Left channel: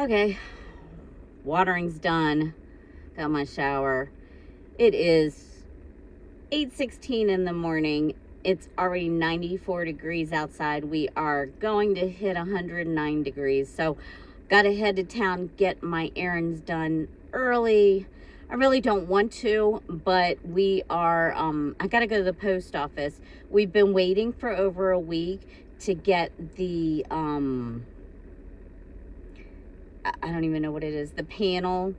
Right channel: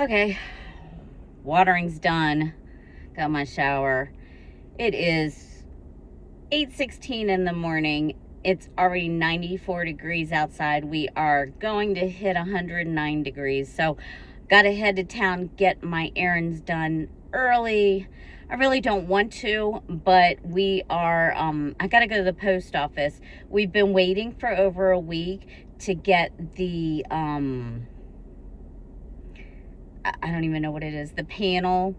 Okay, watering's done. Got my shower. It is 8:16 in the morning. It's already 94 degrees outside. We are going to hit 109 degrees. So, got to head to town, get my errands done early. I really don't want to, but we are, I got to go to the post office. We've been waiting for over a week to get the, I don't even know what it is, the panel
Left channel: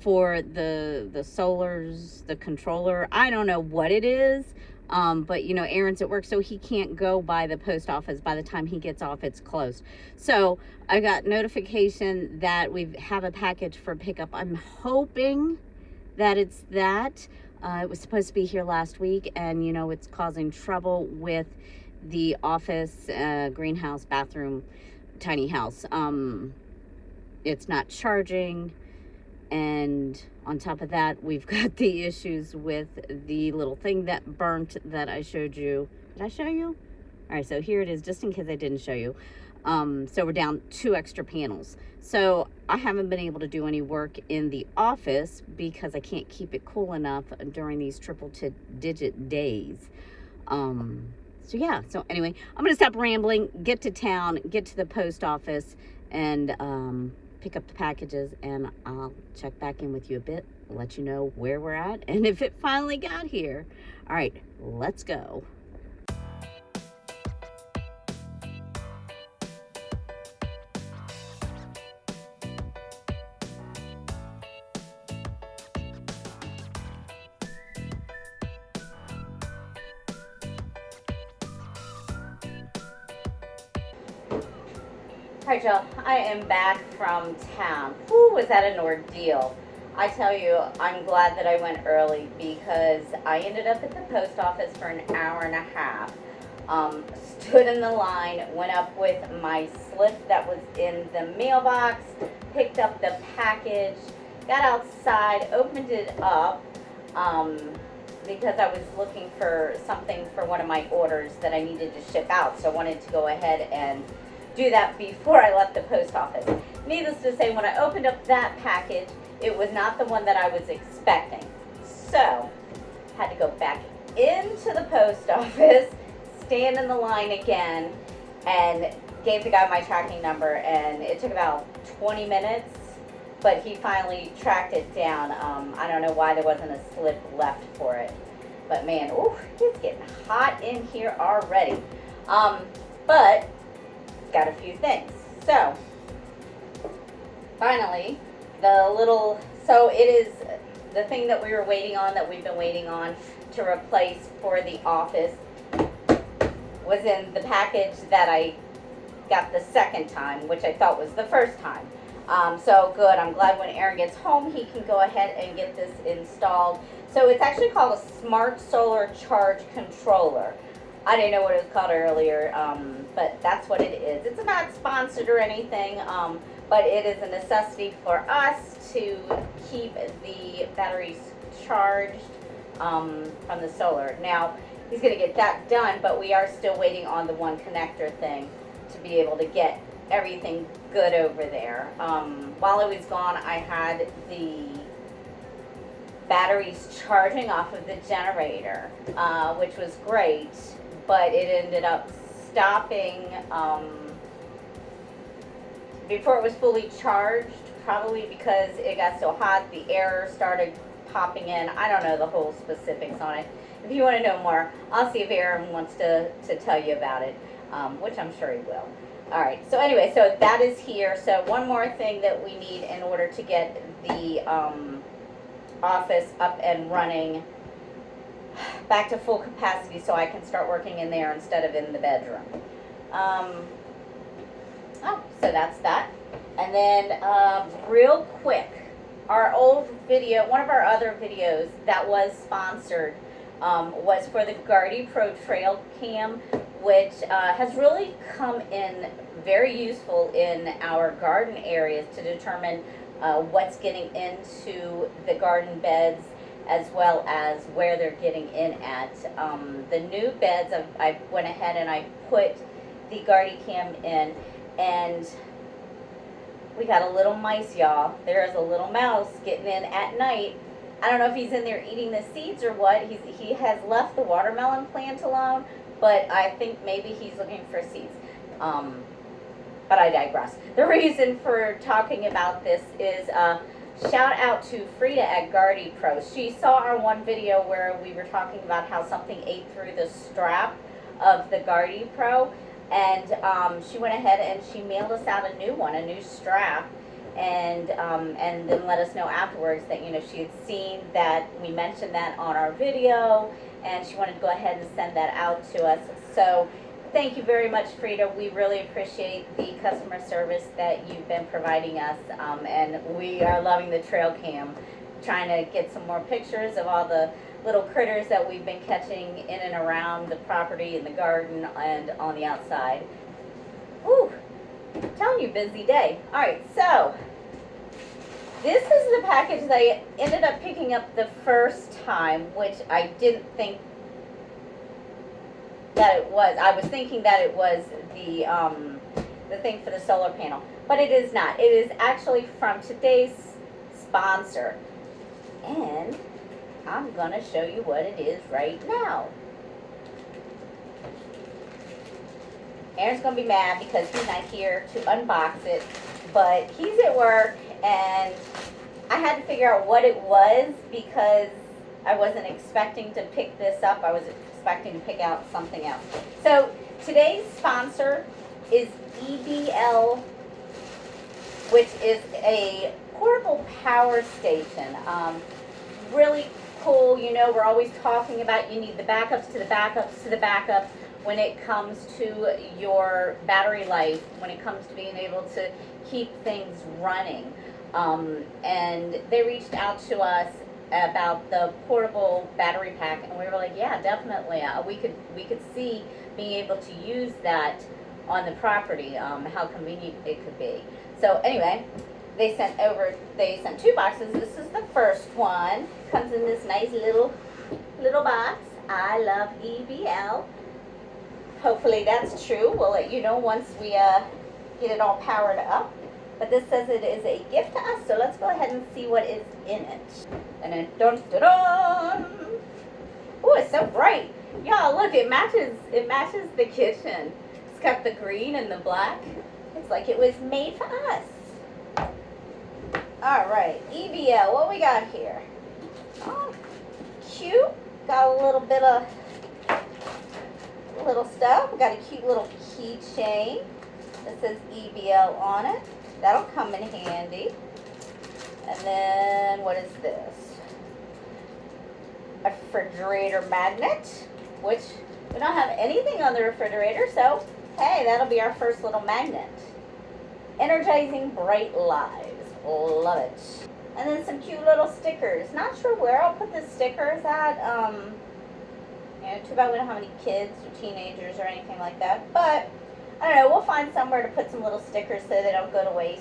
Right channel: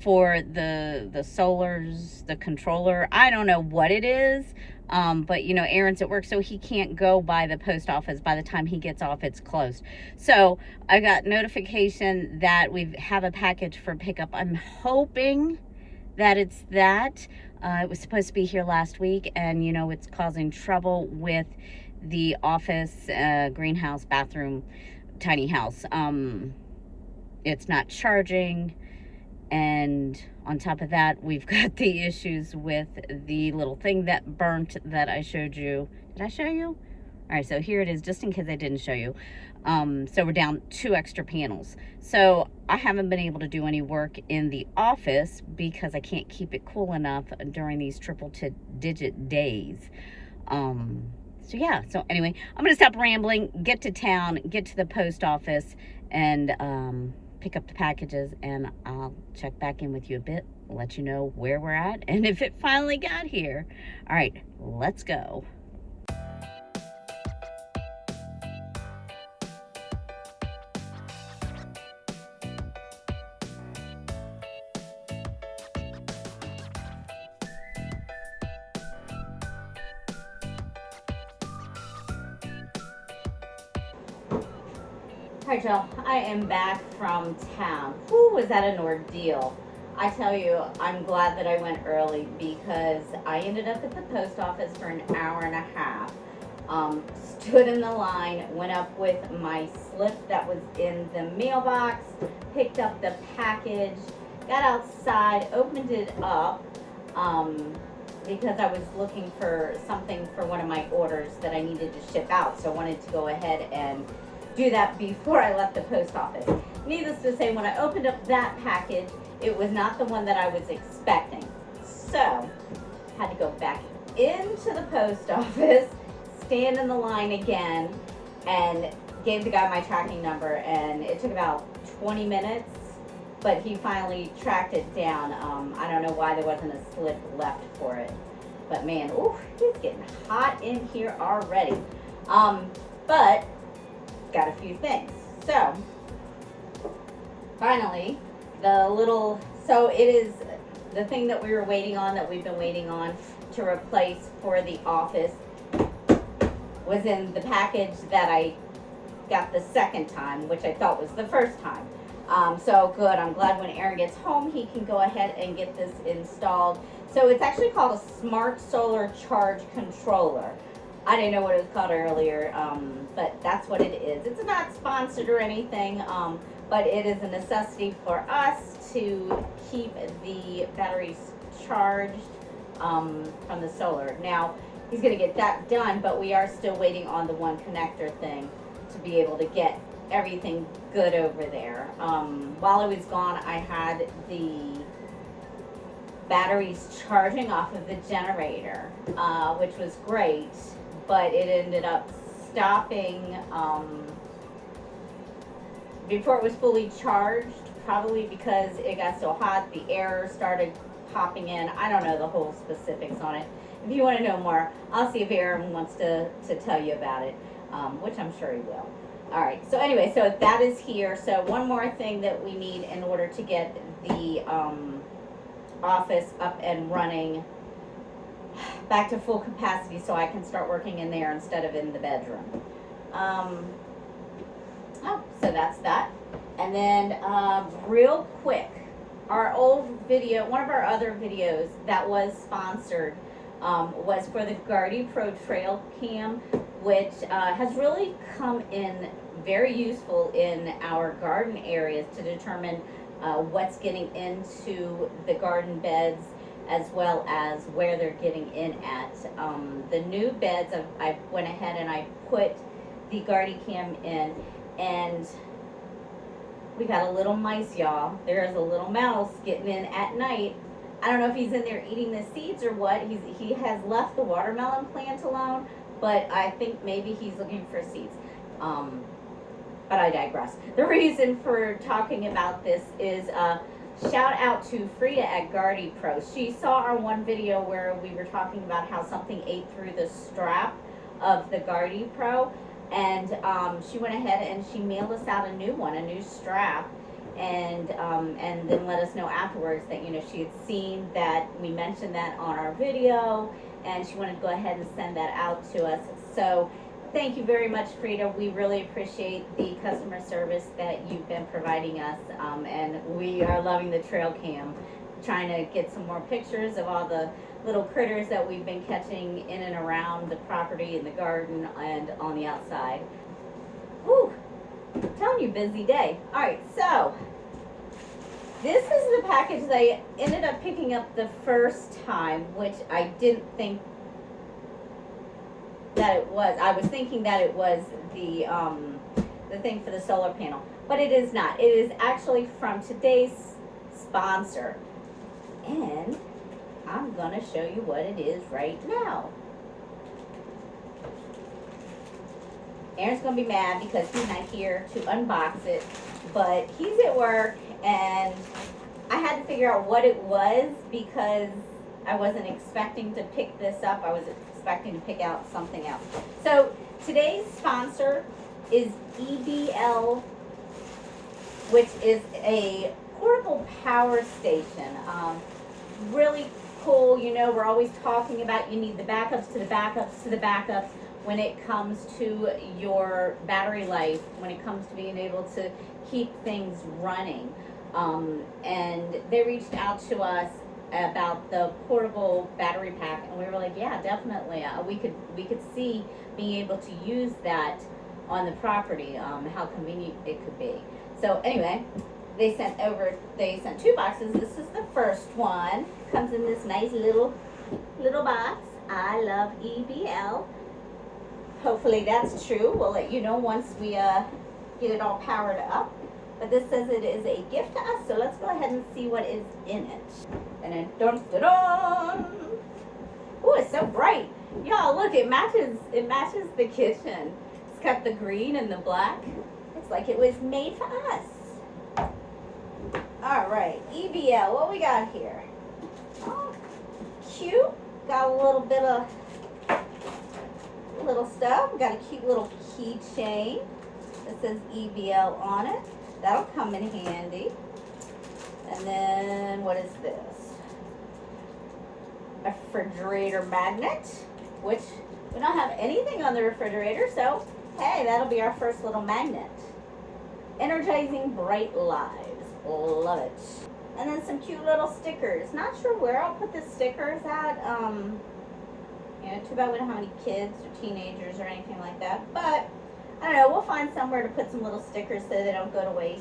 for the solars, the controller. I don't know what it is. But you know, Aaron's at work, so he can't go by the post office. By the time he gets off, it's closed. So I got notification that we have a package for pickup. I'm hoping that it's that. It was supposed to be here last week, and you know, it's causing trouble with the office, greenhouse, bathroom, tiny house. It's not charging, and on top of that, we've got the issues with the little thing that burnt that I showed you. Did I show you? All right, so here it is, just in case I didn't show you. So we're down 2 extra panels. So I haven't been able to do any work in the office because I can't keep it cool enough during these triple-digit days. So yeah, so anyway, I'm gonna stop rambling, get to town, get to the post office, and pick up the packages, and I'll check back in with you a bit, let you know where we're at and if it finally got here. All right, let's go. All right, y'all, I am back from town. Whew, was that an ordeal? I tell you, I'm glad that I went early because I ended up at the post office for an hour and a half. Stood in the line, went up with my slip that was in the mailbox, picked up the package, got outside, opened it up, because I was looking for something for one of my orders that I needed to ship out. So I wanted to go ahead and do that before I left the post office. Needless to say, when I opened up that package, it was not the one that I was expecting. So, had to go back into the post office, stand in the line again, and gave the guy my tracking number, and it took about 20 minutes, but he finally tracked it down. I don't know why there wasn't a slip left for it, but man, ooh, it's getting hot in here already. But got a few things. So finally, so it is the thing that we were waiting on, that we've been waiting on to replace for the office, was in the package that I got the second time, which I thought was the first time. So good. I'm glad when Aaron gets home, he can go ahead and get this installed. So it's actually called a Smart Solar Charge Controller. I didn't know what it was called earlier, but that's what it is. It's not sponsored or anything, but it is a necessity for us to keep the batteries charged from the solar. Now, he's going to get that done, but we are still waiting on the one connector thing to be able to get everything good over there. While I was gone, I had the batteries charging off of the generator, which was great. But it ended up stopping before it was fully charged, probably because it got so hot, the air started popping in. I don't know the whole specifics on it. If you want to know more, I'll see if Aaron wants to tell you about it, which I'm sure he will. All right, so anyway, so that is here. So one more thing that we need in order to get the office up and running back to full capacity, so I can start working in there instead of in the bedroom. So that's that. And then real quick, our old video, one of our other videos that was sponsored, was for the Gardy Pro Trail Cam, which has really come in very useful in our garden areas to determine what's getting into the garden beds, as well as where they're getting in at. The new beds, I went ahead and I put the Gardy Cam in, and We got a little mice, y'all. There is a little mouse getting in at night. I don't know if he's in there eating the seeds or what. He has left the watermelon plant alone, but I think maybe he's looking for seeds. But I digress. The reason for talking about this is shout out to Frida at Guardy Pro. She saw our one video where we were talking about how something ate through the strap of the Guardy Pro, and she went ahead and she mailed us out a new one, a new strap, and then let us know afterwards that, you know, she had seen that we mentioned that on our video, and she wanted to go ahead and send that out to us. So thank you very much, Frida. We really appreciate the customer service that you've been providing us, and we are loving the trail cam, trying to get some more pictures of all the little critters that we've been catching in and around the property, in the garden, and on the outside. Woo! I'm telling you, busy day. All right, so this is the package that I ended up picking up the first time, which I didn't think that it was. I was thinking that it was the thing for the solar panel, but it is not. It is actually from today's sponsor, and I'm gonna show you what it is right now. Aaron's gonna be mad because he's not here to unbox it, but he's at work, and I had to figure out what it was because I wasn't expecting to pick this up. I was expecting to pick out something else. So today's sponsor is EBL, which is a portable power station. Really cool. You know, we're always talking about you need the backups to the backups to the backups when it comes to your battery life, when it comes to being able to keep things running. And they reached out to us about the portable battery pack, and we were like, yeah, definitely. We could see being able to use that on the property, how convenient it could be. So anyway, they sent two boxes. This is the first one. Comes in this nice little box. I love EBL. Hopefully that's true. We'll let you know once we get it all powered up. But this says it is a gift to us, so let's go ahead and see what is in it. And then dun dun dun. Oh, it's so bright. Y'all, look, it matches the kitchen. It's got the green and the black. It's like it was made for us. All right, EBL, what we got here? Oh, cute. Got a little bit of little stuff. We got a cute little keychain that says EBL on it. That'll come in handy. And then what is this? A refrigerator magnet, which we don't have anything on the refrigerator, so hey, that'll be our first little magnet. Energizing bright lives. Love it. And then some cute little stickers. Not sure where I'll put the stickers at. You know, too bad we don't have any kids or teenagers or anything like that. But I don't know, we'll find somewhere to put some little stickers so they don't go to waste.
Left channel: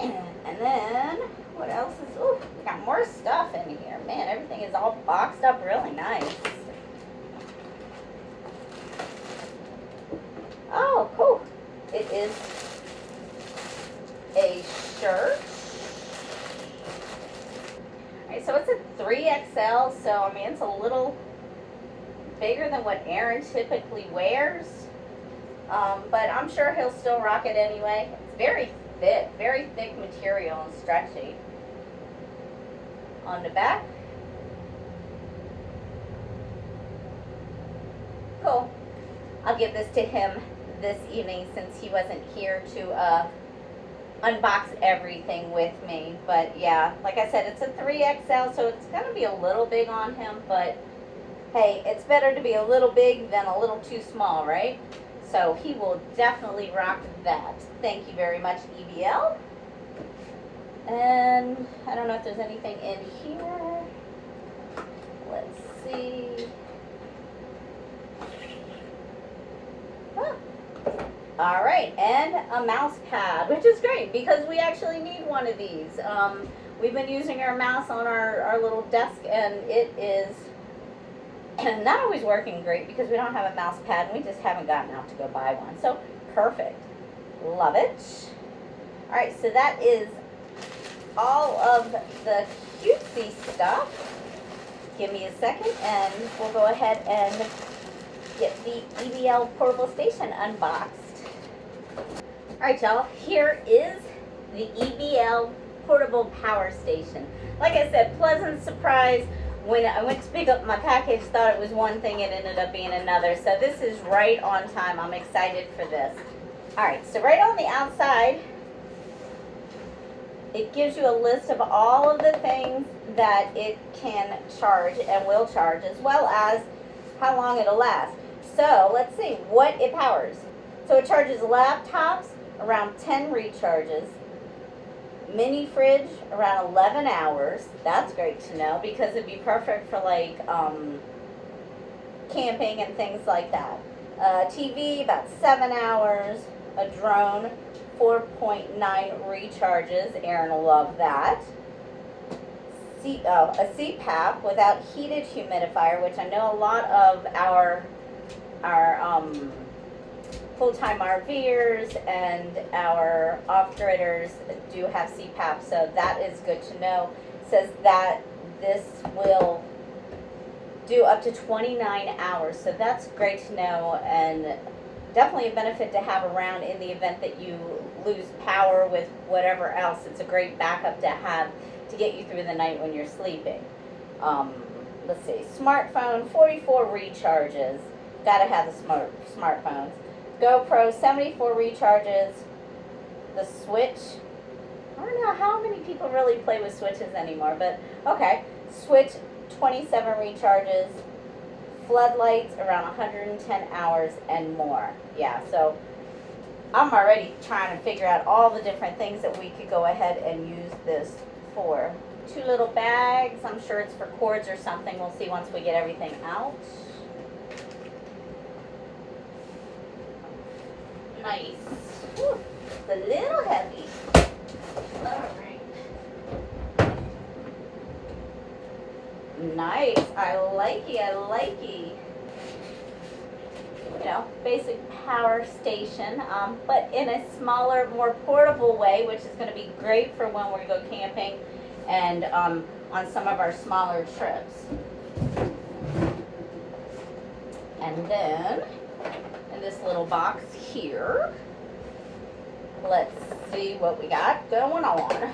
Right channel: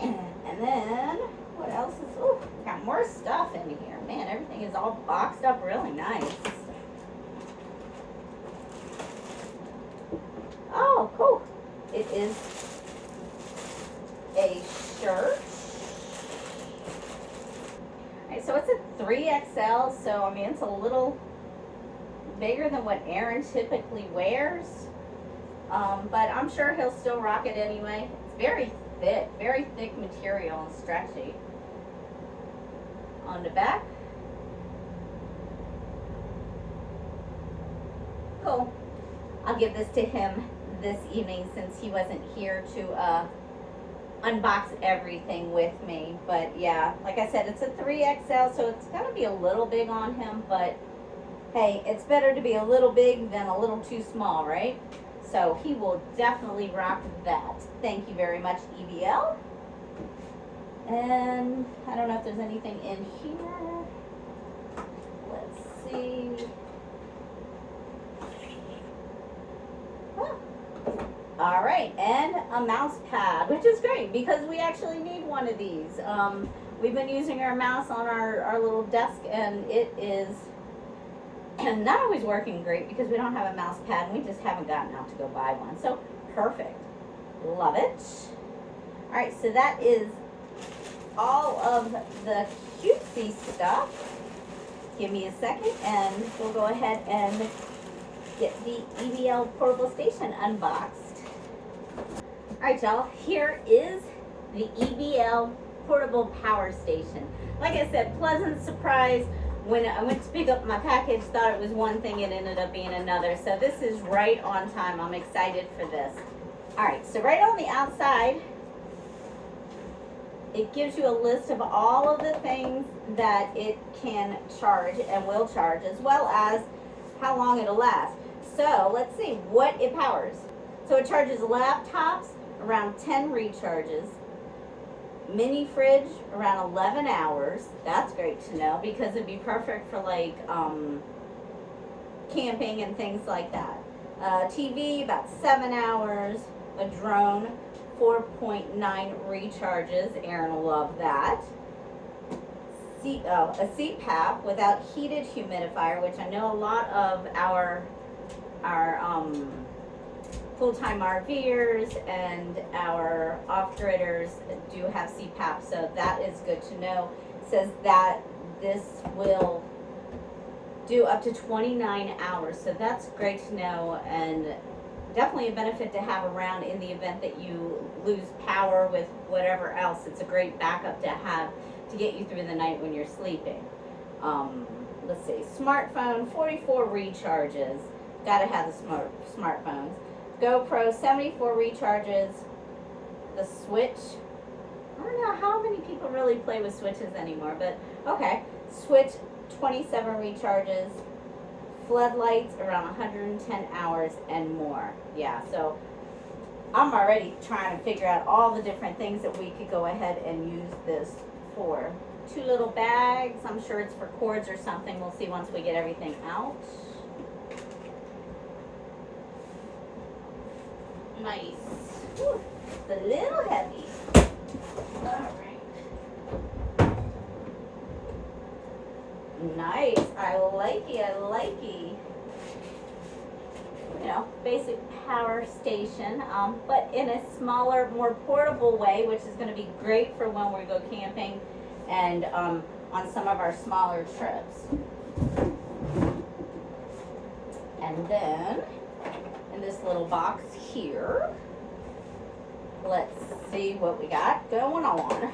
And then, what else is, ooh, we got more stuff in here. Man, everything is all boxed up really nice. Oh, cool. It is a shirt. Alright, so it's a 3XL, so I mean, it's a little bigger than what Aaron typically wears, but I'm sure he'll still rock it anyway. It's very thick material and stretchy. On the back, cool. I'll give this to him this evening since he wasn't here to unbox everything with me. But yeah, like I said, it's a 3XL, so it's gonna be a little big on him, but hey, it's better to be a little big than a little too small, right? So he will definitely rock that. Thank you very much, EBL. And I don't know if there's anything in here. Let's see. Huh. All right, and a mouse pad, which is great because we actually need one of these. We've been using our mouse on our little desk, and it is not always working great because we don't have a mouse pad and we just haven't gotten out to go buy one. So perfect. Love it. All right, so that is all of the cutesy stuff. Give me a second and we'll go ahead and get the EBL portable station unboxed. All right, y'all, here is the EBL portable power station. Like I said, pleasant surprise. When I went to pick up my package, thought it was one thing, it ended up being another. So this is right on time. I'm excited for this. All right, so right on the outside, it gives you a list of all of the things that it can charge and will charge, as well as how long it'll last. So let's see what it powers. So it charges laptops around 10 recharges, mini fridge around 11 hours. That's great to know because it'd be perfect for like camping and things like that. TV about 7 hours, a drone 4.9 recharges. Aaron will love that. A CPAP without heated humidifier, which I know a lot of our full-time RVers and our off-gridders do have CPAP, so that is good to know. It says that this will do up to 29 hours, so that's great to know, and definitely a benefit to have around in the event that you lose power with whatever else. It's a great backup to have to get you through the night when you're sleeping. Let's see, smartphone 44 recharges. Gotta have the smartphones. GoPro 74 recharges. The Switch, I don't know how many people really play with Switches anymore, but okay. Switch 27 recharges. Floodlights around 110 hours and more. Yeah, so I'm already trying to figure out all the different things that we could go ahead and use this for. 2 little bags. I'm sure it's for cords or something. We'll see once we get everything out. Nice. Whew, it's a little heavy. Alright. Nice. I like it. You know, basic power station, but in a smaller, more portable way, which is going to be great for when we go camping and on some of our smaller trips. And then in this little box here, let's see what we got going on.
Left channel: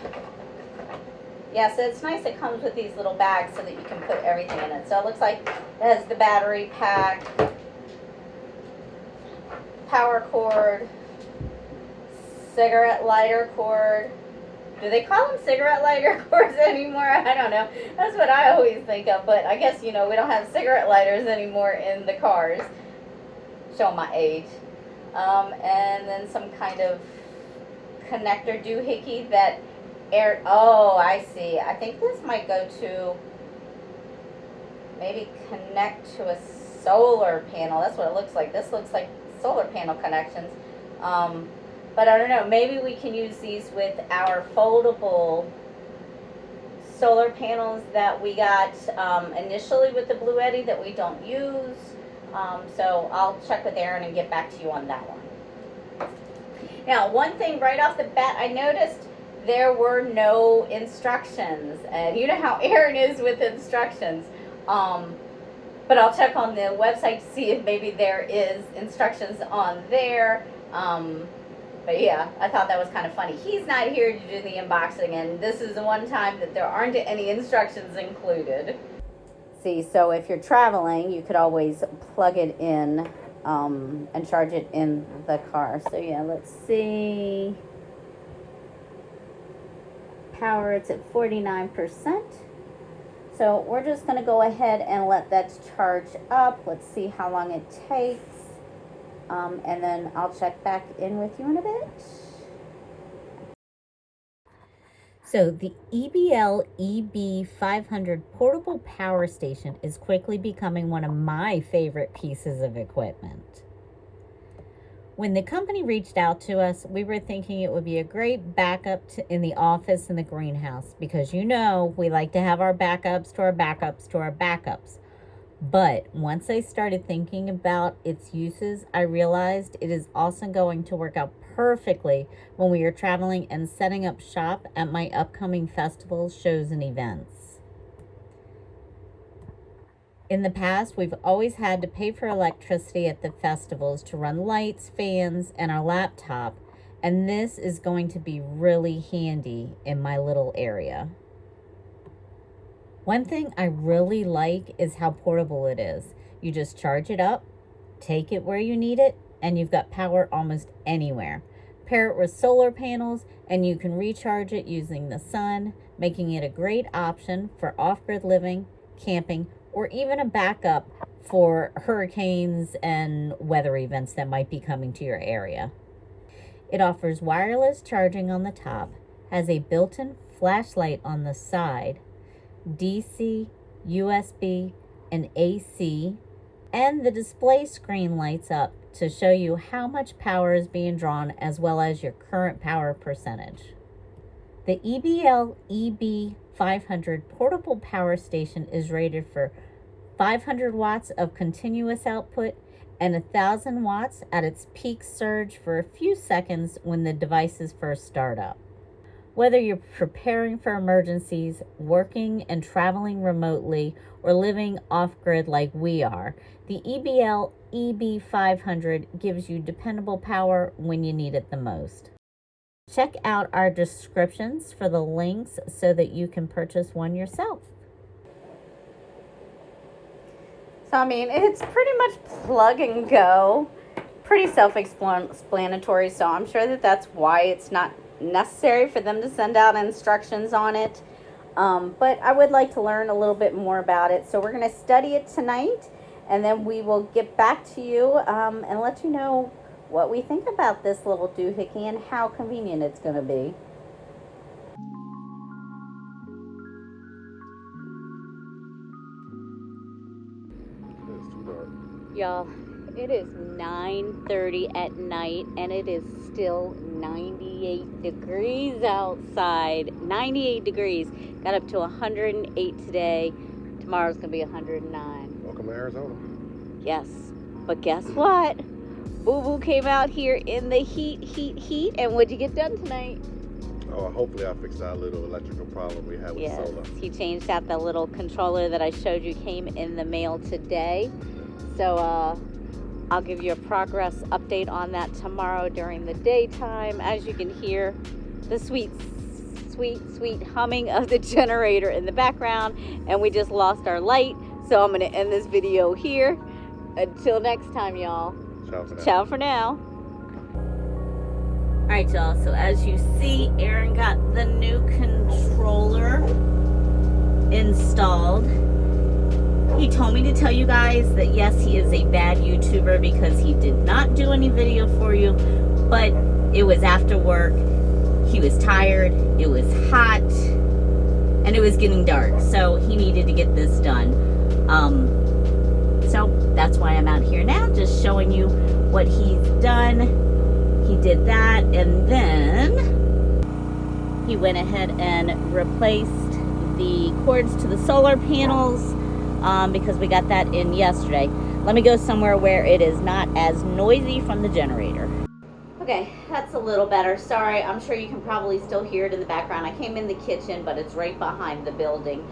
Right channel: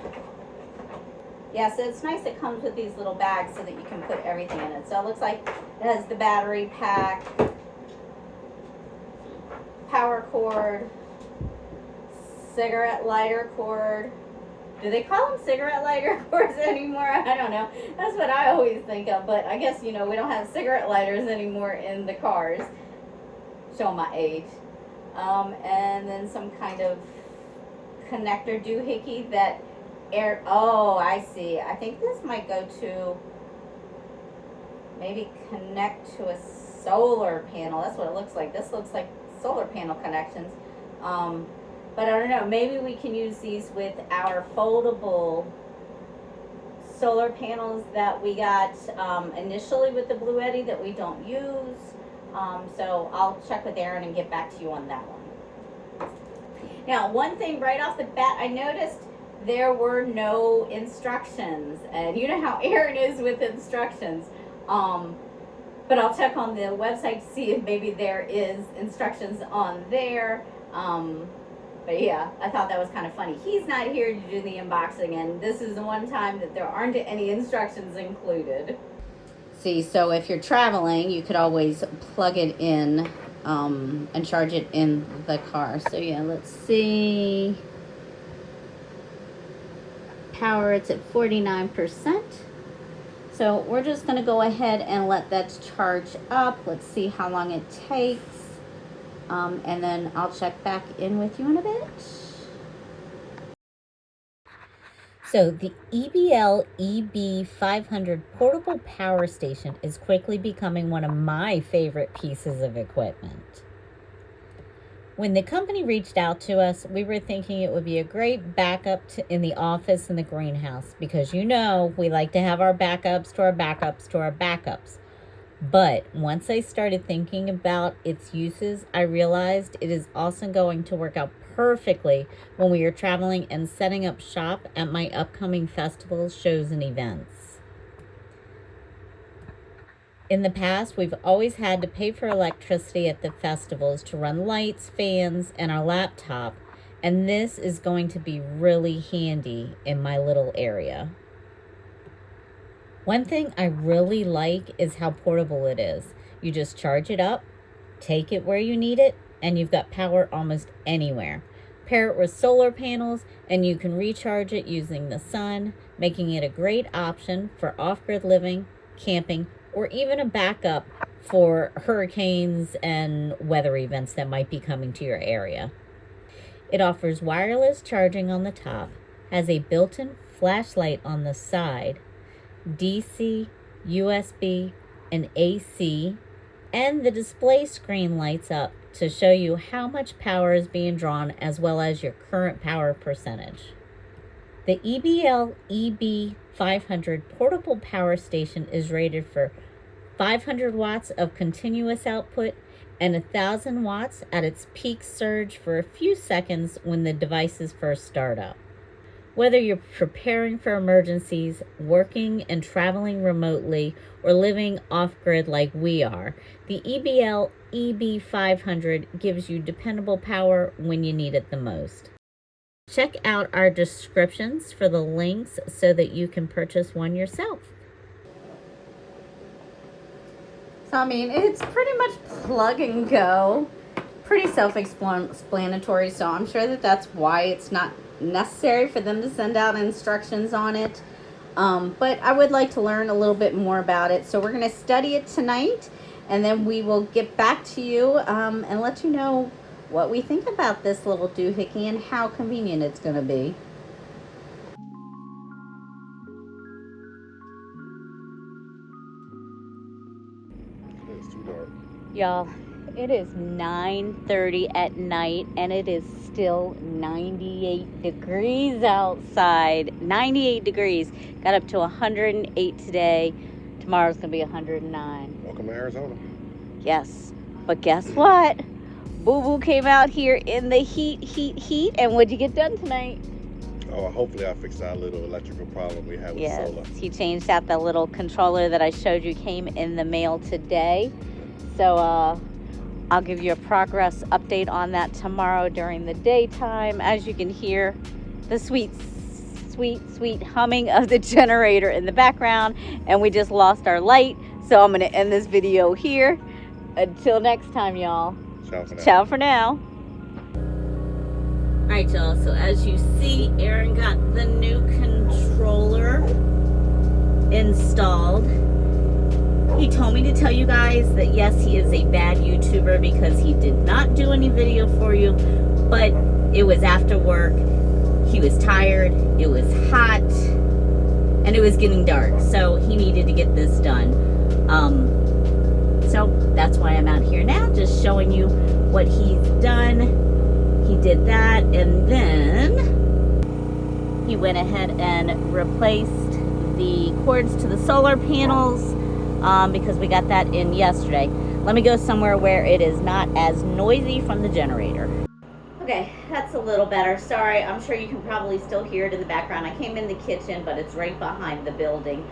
Yeah, so it's nice it comes with these little bags so that you can put everything in it. So it looks like it has the battery pack, power cord, cigarette lighter cord. Do they call them cigarette lighter cords anymore? I don't know. That's what I always think of, but I guess, you know, we don't have cigarette lighters anymore in the cars. Show my age. And then some kind of connector doohickey that oh, I see. I think this might go to maybe connect to a solar panel. That's what it looks like. This looks like solar panel connections. But I don't know. Maybe we can use these with our foldable solar panels that we got initially with the Blue Eddy that we don't use. So I'll check with Aaron and get back to you on that one. Now, one thing right off the bat, I noticed there were no instructions, and you know how Aaron is with instructions. But I'll check on the website to see if maybe there is instructions on there. But yeah, I thought that was kind of funny. He's not here to do the unboxing, and this is the one time that there aren't any instructions included. See, so if you're traveling, you could always plug it in and charge it in the car. So yeah, let's see. Power, it's at 49%. So we're just going to go ahead and let that charge up. Let's see how long it takes. And then I'll check back in with you in a bit. So the EBL EB500 portable power station is quickly becoming one of my favorite pieces of equipment. When the company reached out to us, we were thinking it would be a great backup in the office and the greenhouse, because you know we like to have our backups to our backups to our backups. But once I started thinking about its uses, I realized it is also going to work out perfectly when we are traveling and setting up shop at my upcoming festivals, shows, and events. In the past, we've always had to pay for electricity at the festivals to run lights, fans, and our laptop, and this is going to be really handy in my little area. One thing I really like is how portable it is. You just charge it up, take it where you need it, and you've got power almost anywhere. Pair it with solar panels, and you can recharge it using the sun, making it a great option for off-grid living, camping, or even a backup for hurricanes and weather events that might be coming to your area. It offers wireless charging on the top, has a built-in flashlight on the side, DC, USB, and AC, and the display screen lights up to show you how much power is being drawn as well as your current power percentage. The EBL EB500 portable power station is rated for 500 watts of continuous output and 1,000 watts at its peak surge for a few seconds when the devices first start up. Whether you're preparing for emergencies, working and traveling remotely, or living off-grid like we are, the EBL EB500 gives you dependable power when you need it the most. Check out our descriptions for the links so that you can purchase one yourself. So, I mean, it's pretty much plug and go. Pretty self-explanatory, so I'm sure that that's why it's not necessary for them to send out instructions on it. But I would like to learn a little bit more about it. So we're going to study it tonight, and then we will get back to you and let you know what we think about this little doohickey and how convenient it's going to be. Y'all, it is 9:30 at night and it is still 98 degrees outside. 98 degrees. Got up to 108 today. Tomorrow's going to be 109. Welcome to Arizona. Yes. But guess what? Boo Boo came out here in the heat. And what'd you get done tonight? Oh, hopefully I fixed that little electrical problem we had with the solar. He changed out the little controller that I showed you came in the mail today. So I'll give you a progress update on that tomorrow during the daytime. As you can hear, the sweet humming of the generator in the background. And we just lost our light. So I'm going to end this video here. Until next time, y'all. Ciao for now. Ciao for now. Alright, y'all. So as you see, Aaron got the new controller installed. He told me to tell you guys that yes, he is a bad YouTuber because he did not do any video for you, but it was after work, he was tired, it was hot, and it was getting dark, so he needed to get this done. So that's why I'm out here now, just showing you what he's done. He did that, and then he went ahead and replaced the cords to the solar panels, because we got that in yesterday. Let me go somewhere where it is not as noisy from the generator. Okay, that's a little better. Sorry, I'm sure you can probably still hear it in the background. I came in the kitchen, but it's right behind the building.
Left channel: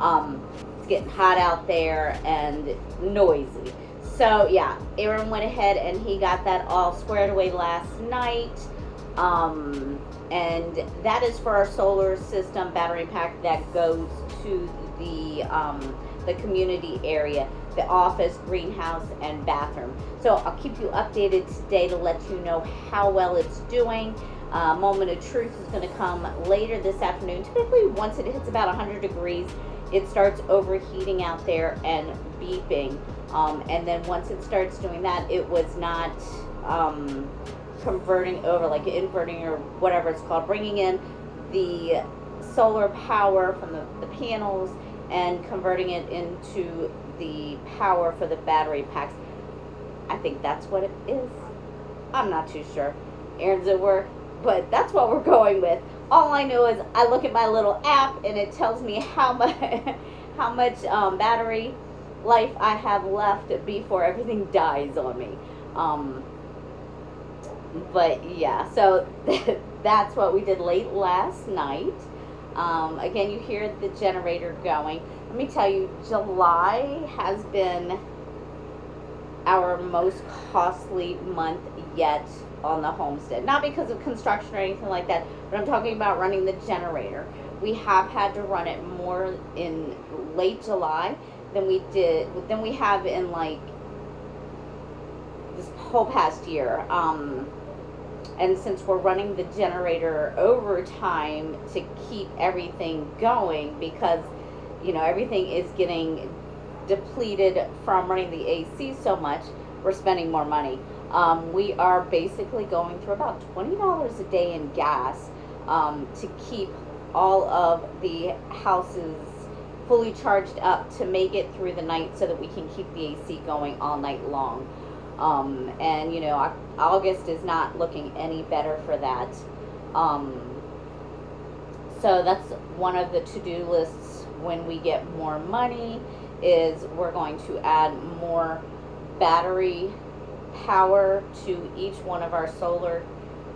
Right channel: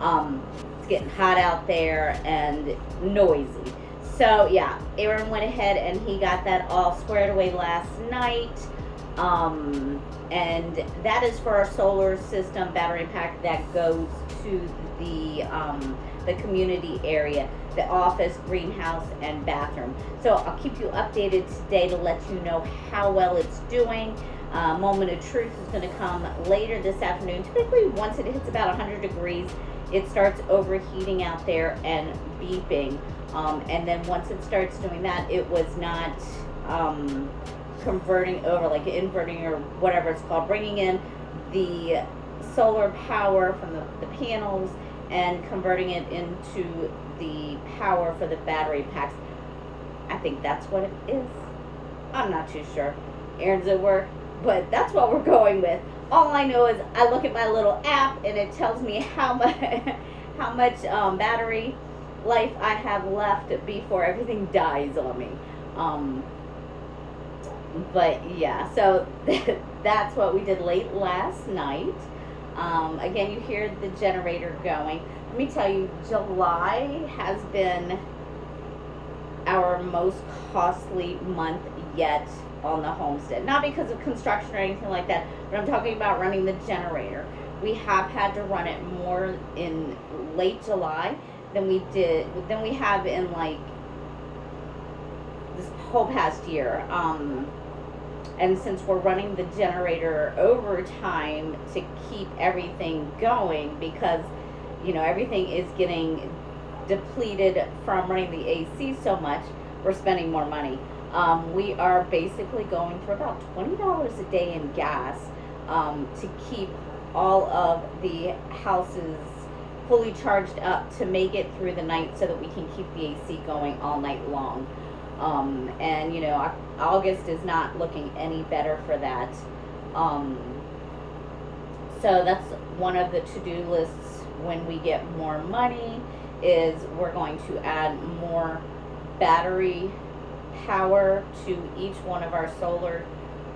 It's getting hot out there and noisy. So yeah, Aaron went ahead and he got that all squared away last night. And that is for our solar system battery pack that goes to the community area, the office, greenhouse, and bathroom. So I'll keep you updated today to let you know how well it's doing. Moment of truth is going to come later this afternoon. Typically, once it hits about 100 degrees, it starts overheating out there and beeping. And then once it starts doing that, it was not converting over, like inverting or whatever it's called, bringing in the solar power from the panels and converting it into the power for the battery packs. I think that's what it is. I'm not too sure. Aaron's at work, but that's what we're going with. All I know is I look at my little app and it tells me how much battery life I have left before everything dies on me. But yeah, so that's what we did late last night. Again, you hear the generator going. Let me tell you, July has been our most costly month yet on the homestead. Not because of construction or anything like that, but I'm talking about running the generator. We have had to run it more in late July than we have in like this whole past year. And since we're running the generator overtime to keep everything going, because everything is getting depleted from running the AC so much, we're spending more money. We are basically going through about $20 a day in gas to keep all of the houses fully charged up to make it through the night so that we can keep the AC going all night long. And August is not looking any better for that. So that's one of the to-do lists when we get more money, is we're going to add more battery power to each one of our solar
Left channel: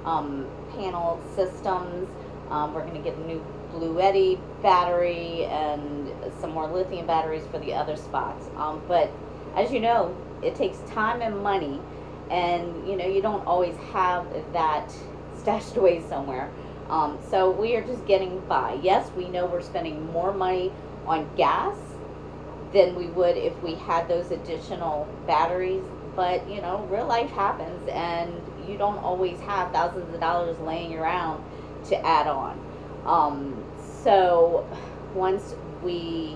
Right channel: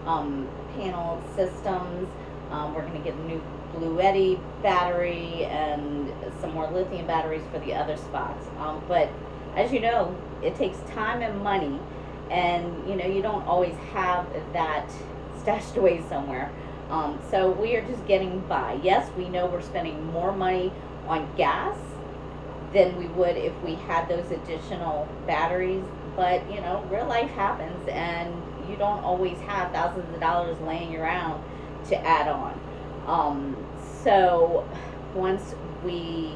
panel systems. We're going to get a new Bluetti battery and some more lithium batteries for the other spots. But as you know, it takes time and money, and you don't always have that stashed away somewhere. So we are just getting by. Yes, we know we're spending more money on gas than we would if we had those additional batteries, but real life happens, and you don't always have thousands of dollars laying around to add on. So once we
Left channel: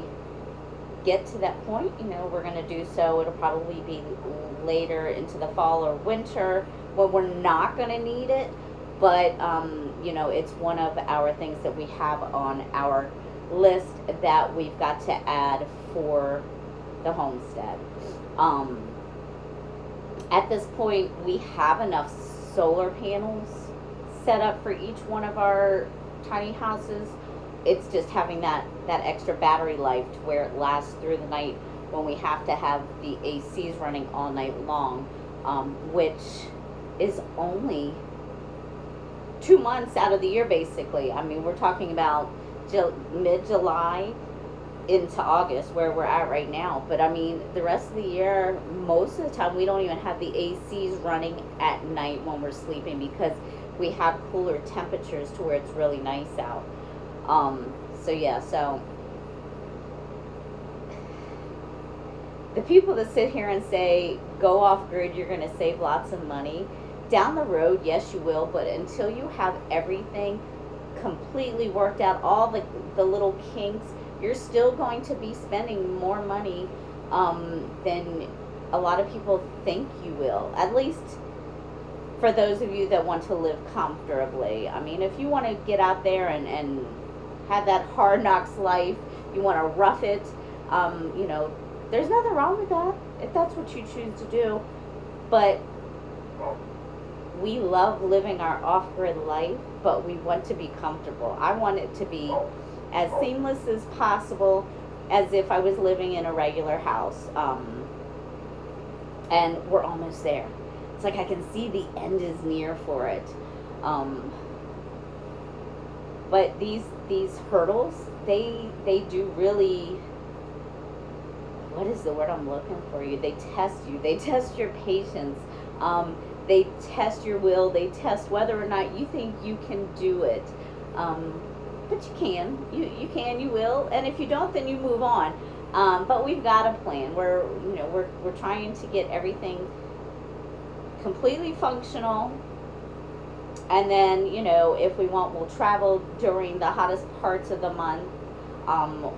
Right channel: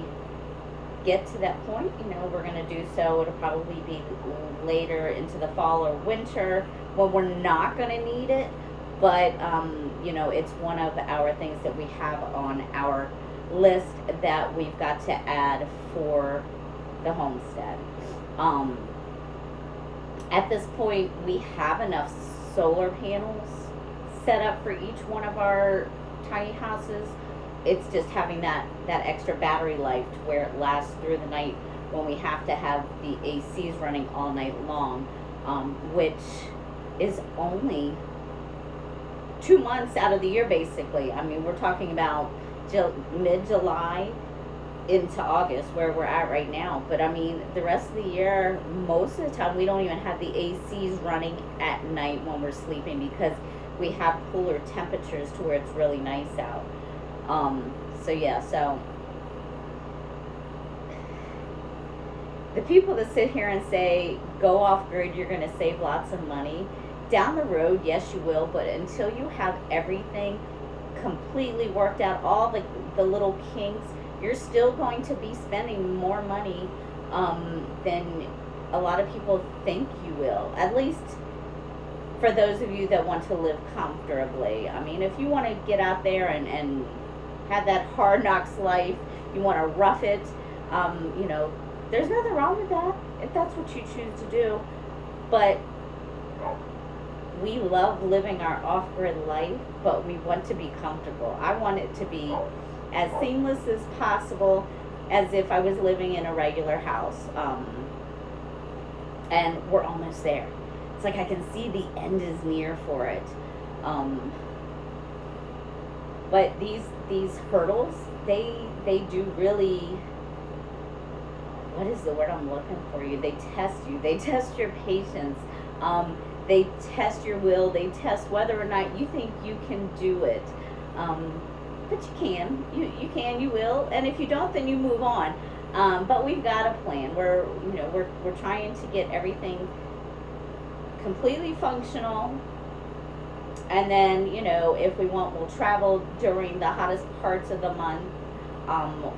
get to that point, we're going to do so. It'll probably be later into the fall or winter when we're not going to need it, but it's one of our things that we have on our list that we've got to add for the homestead. At this point, we have enough solar panels set up for each one of our tiny houses. It's just having that extra battery life to where it lasts through the night when we have to have the ACs running all night long, which is only 2 months out of the year, basically. I mean, we're talking about mid-July into August, where we're at right now. But I mean, the rest of the year, most of the time, we don't even have the ACs running at night when we're sleeping, because we have cooler temperatures to where it's really nice out. So the people that sit here and say go off grid, you're going to save lots of money. Down the road, yes, you will, but until you have everything completely worked out, all the little kinks, you're still going to be spending more money than a lot of people think you will. At least for those of you that want to live comfortably. I mean, if you want to get out there and have that hard knocks life, you want to rough it, there's nothing wrong with that if that's what you choose to do. But we love living our off-grid life, but we want to be comfortable. I want it to be as seamless as possible, as if I was living in a regular house. And we're almost there. It's like I can see the end is near for it. But these hurdles, they do really, what is the word I'm looking for? They test you. They test your patience. They test your will. They test whether or not you think you can do it. But you can. You can. You will. And if you don't, then you move on. But we've got a plan. We're trying to get everything completely functional. And then, if we want, we'll travel during the hottest parts of the month,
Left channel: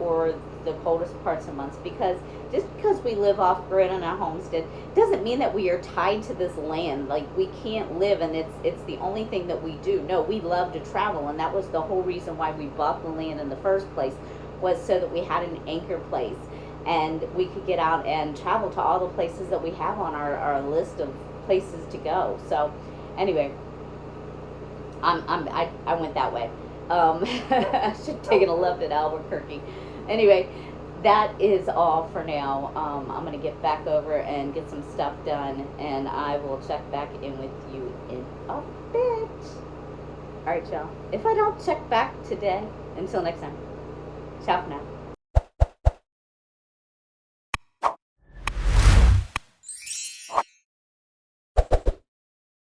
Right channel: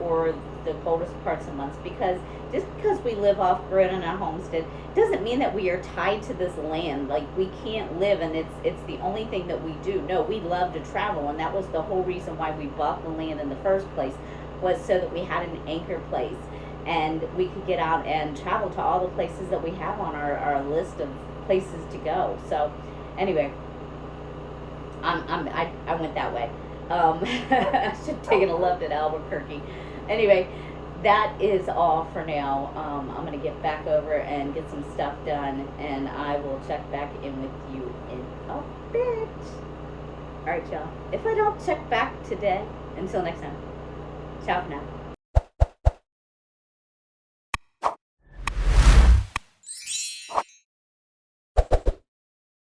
or the coldest parts of months, because just because we live off grid in a homestead doesn't mean that we are tied to this land. Like, we can't live and it's the only thing that we do. No, we love to travel, and that was the whole reason why we bought the land in the first place, was so that we had an anchor place and we could get out and travel to all the places that we have on our list of places to go. So anyway, I went that way. I should have taken a left at Albuquerque. Anyway, that is all for now. I'm gonna get back over and get some stuff done, and I will check back in with you in a bit. All right, y'all. If I don't check back today, until next time. Ciao for now.